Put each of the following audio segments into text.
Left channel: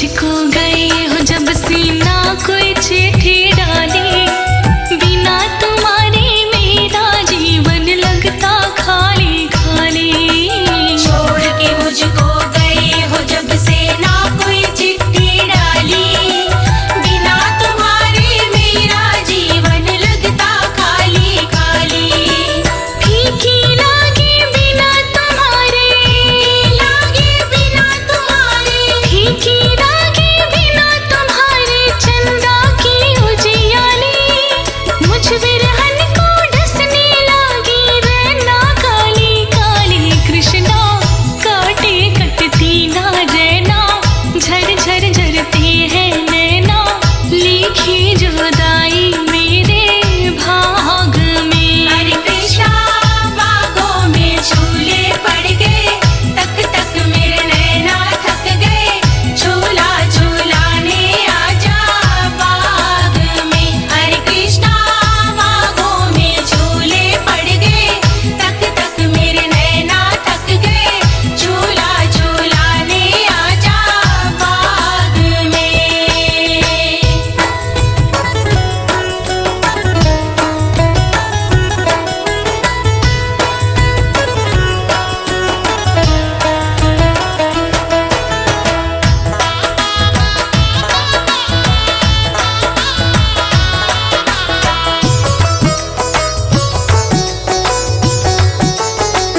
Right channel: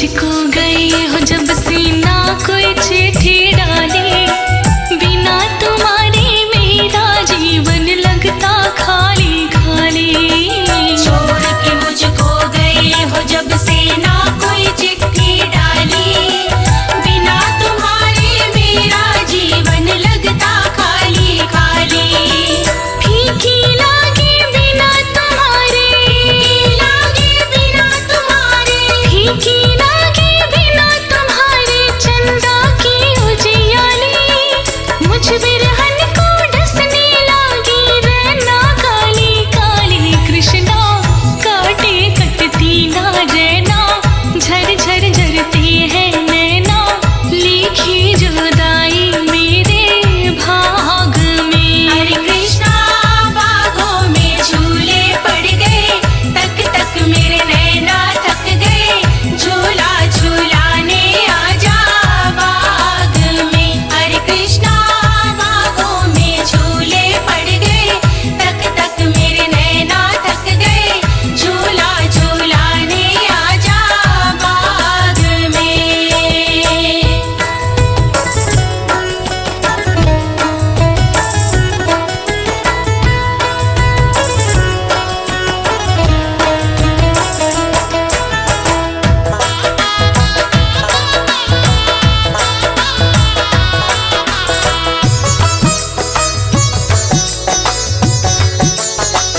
मुझको गए हो जब सीना कोई चिट्ठी डाली, बिना तुम्हारे मेरा जीवन लगता खाली खाली। छोड़ के मुझको गए हो जब सीना कोई चिट्ठी डाली, बिना तुम्हारे मेरा जीवन लगता खाली खाली। फीकी लागे बिना तुम्हारे, फीकी लागे बिना तुम्हारे चंदा की उजियाली। मुझ बिरहन को डसने लागी रैना काली काली। कृष्णा काटे कटती ना रैना, झर झर झरते हैं नैना, लिखी जुदाई मेरे भाग में। हरे कृष्णा बागों में झूले पड़ गए, तक तक मेरे नैना थक गए, झूला झूलाने आजा बाग में। हरे कृष्णा बागों में झूले पड़ गए, तक तक मेरे नैना थक गए, झूला झूलाने आजा बाग में।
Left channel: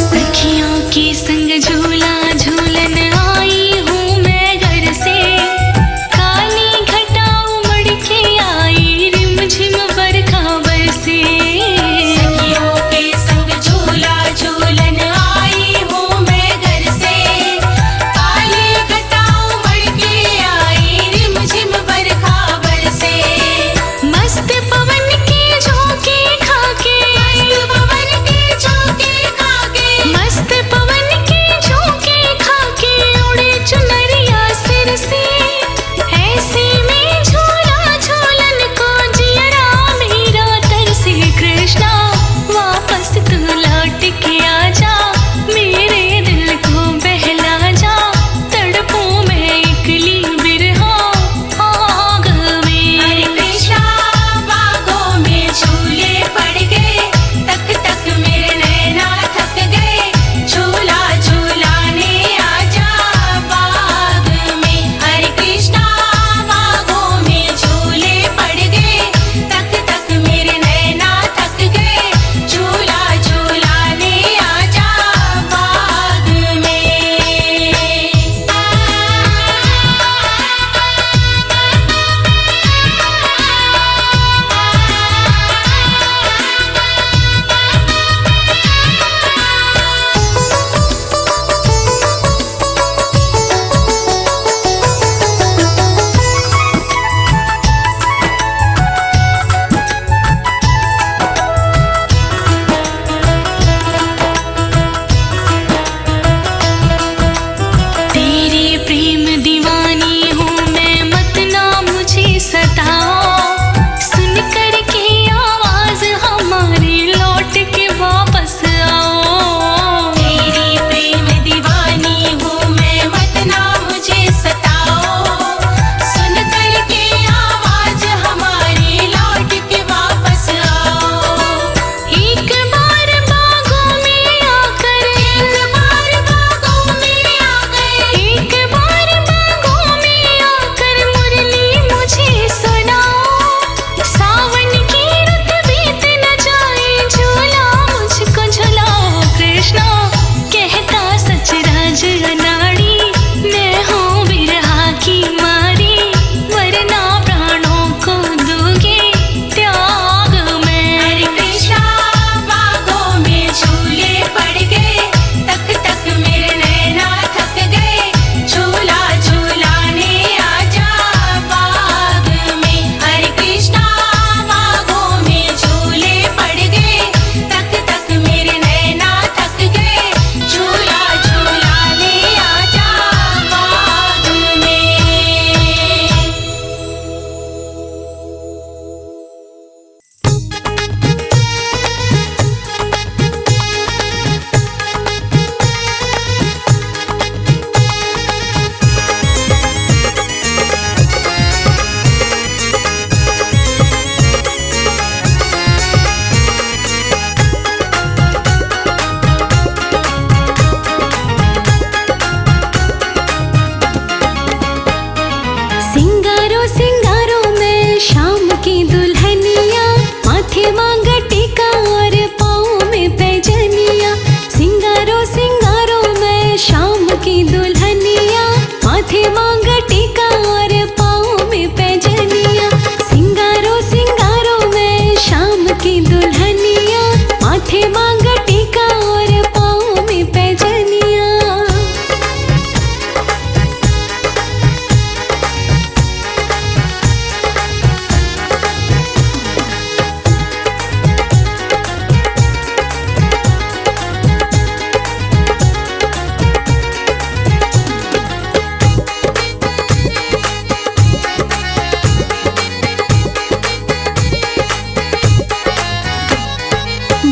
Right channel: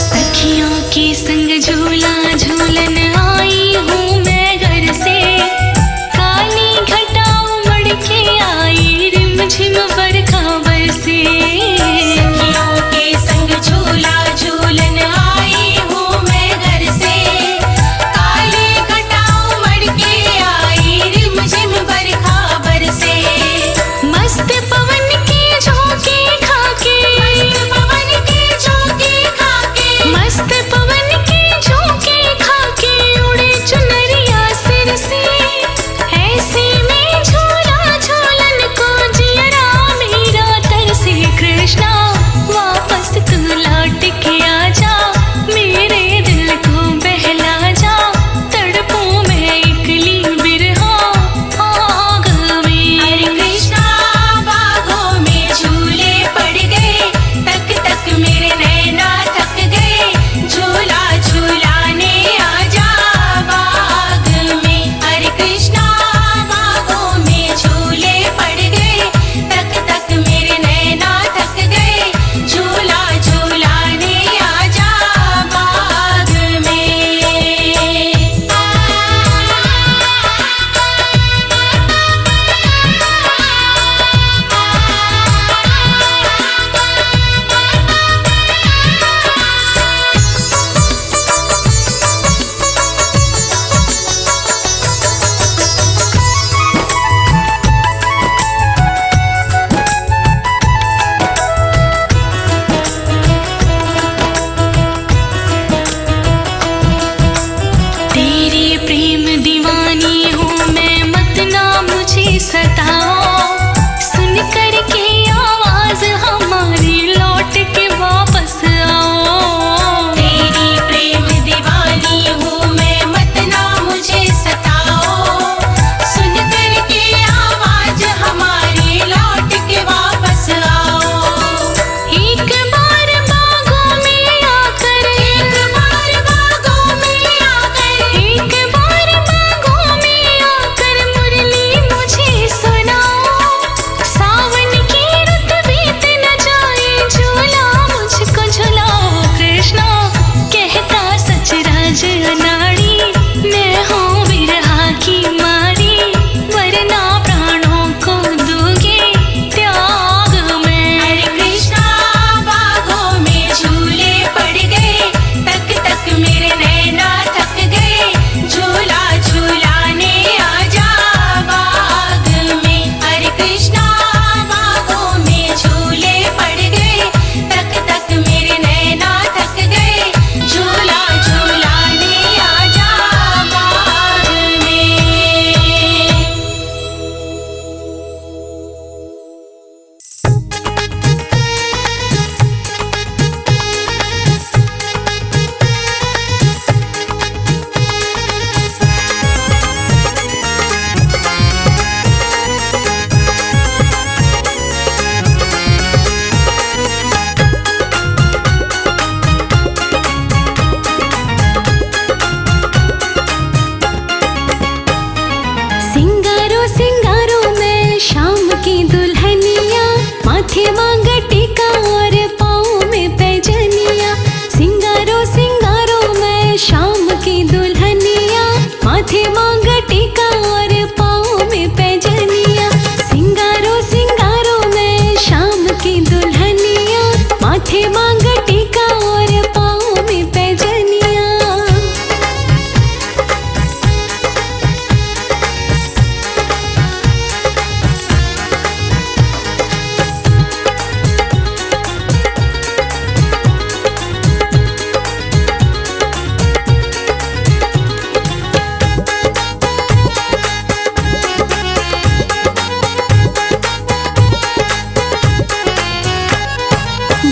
सखियों के संग झूला झूलन आई हूँ मैं घर से, काली घटा उमड़ के आई रिमझिम बरखा बरसे। सखियों के संग झूला झूलन आई हूँ मैं घर से, काली घटा उमड़ के आई रिमझिम बरखा बरसे। मस्त पवन के झोंके खाके, पवन के झोंके खाके, मस्त पवन के झोंके खाके उड़े चुनरिया सिर से। ऐसे में झूला झूलन को जियरा मेरा तरसे। कृष्णा वापस तू लौट के आजा, मेरे दिल को बहला जा, तड़पूं मैं इकली बिरहा आग में। कृष्णा बागों में झूले पड़ गए, तक तक मेरे नैना थक गए, झूला झूलाने आजा बाग में। हरे कृष्णा बागों में झूले पड़ गए, तक तक मेरे नैना थक गए, झूला झूलाने आजा माथे मांग टीका और पाँव में पैजनिया।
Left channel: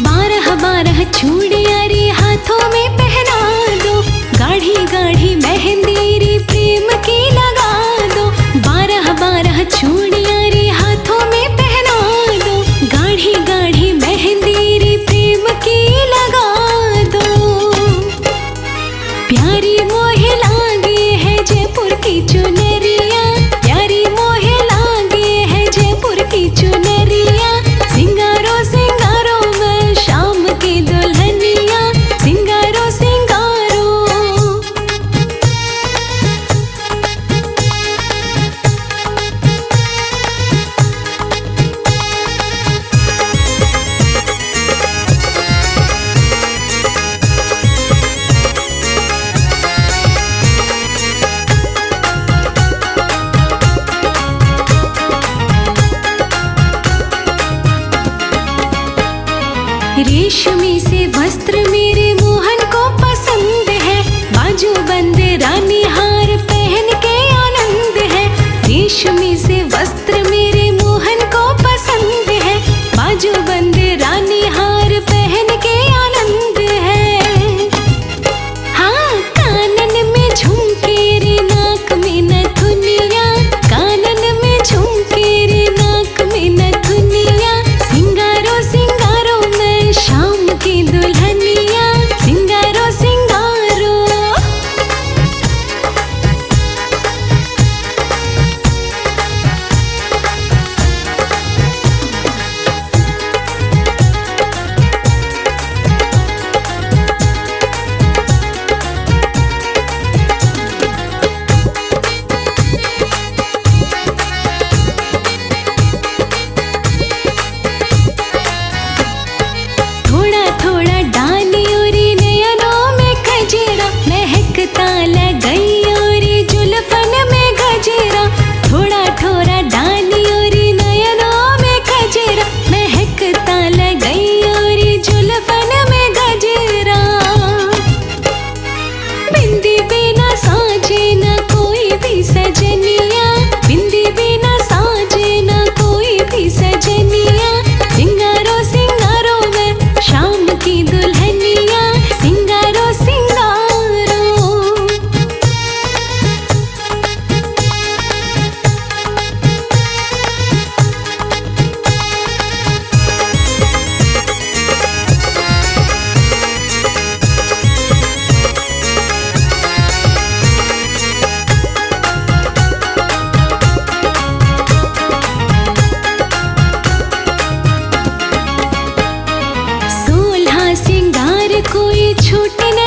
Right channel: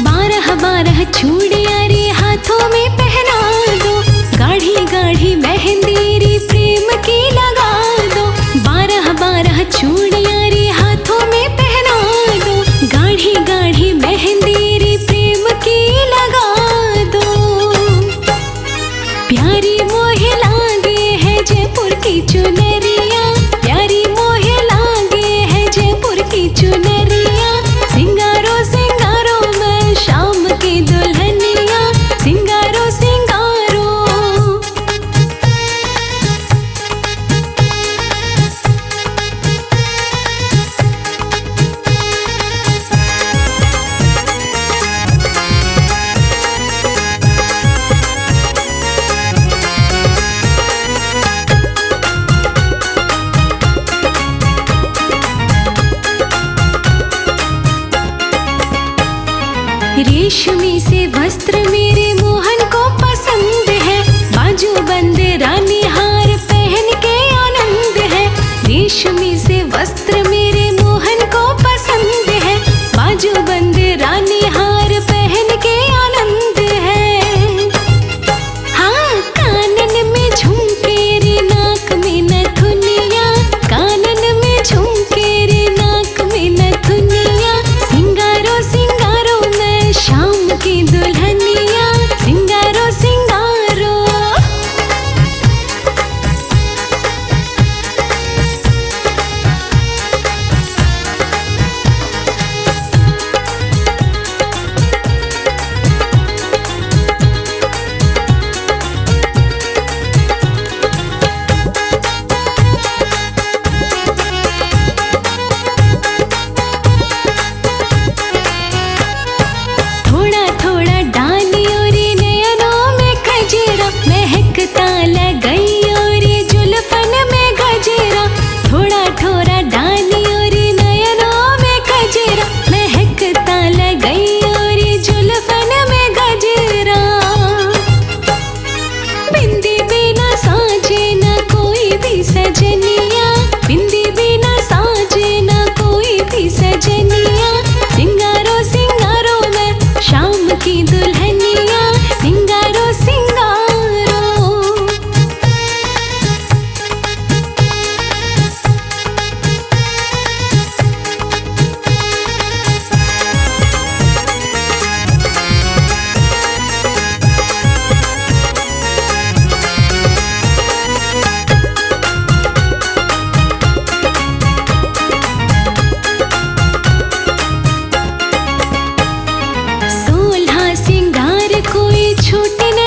बारह बारह चूड़ियां रे हाथों में पहना दो, गाढ़ी गाढ़ी मेहंदी रे प्रेम की लगा दो। बारह बारह चूड़ियां रे हाथों में पहना दो, गाढ़ी गाढ़ी मेहंदी रे प्रेम की लगा दो। प्यारी मोहे लागे है जयपुर की चुनरिया, प्यारी मोहे लागे है जयपुर की चुनरिया। सिंगारो सिंगारो मैं शाम की दुल्हनिया, सिंगारो सिंगारो। रेशमी से वस्त्र मेरे मोहन को पसंद है, बाजू बंद रानी हार पहन के आनंद है। रेशमी से वस्त्र मेरे मोहन को पसंद है, बाजू बंद रानी हार पहन के आनंद है। हाँ, कानन में झुमके रे नाक में नथुनिया, कानन में झुमके रे नाक में नथुनिया। सिंगारो सिंगारो मैं शाम की दुल्हनिया, सिंगारो सिंगारो। थोड़ा थोड़ा डाली और नयनों में गजरा, महकता लगई और जुल्फन में गजरा। थोड़ा थोड़ा डाली और नयनों में गजरा, महकता लगई और जुल्फन में गजरा। बिंदी बिना साजे न कोई भी सजनिया, बिंदी बिना साजे न कोई भी सजनिया। सिंगारो सिंगारो मैं शाम की दुल्हनिया, सिंगारो सिंगारो। सोलहा सिंगार कोई छूट न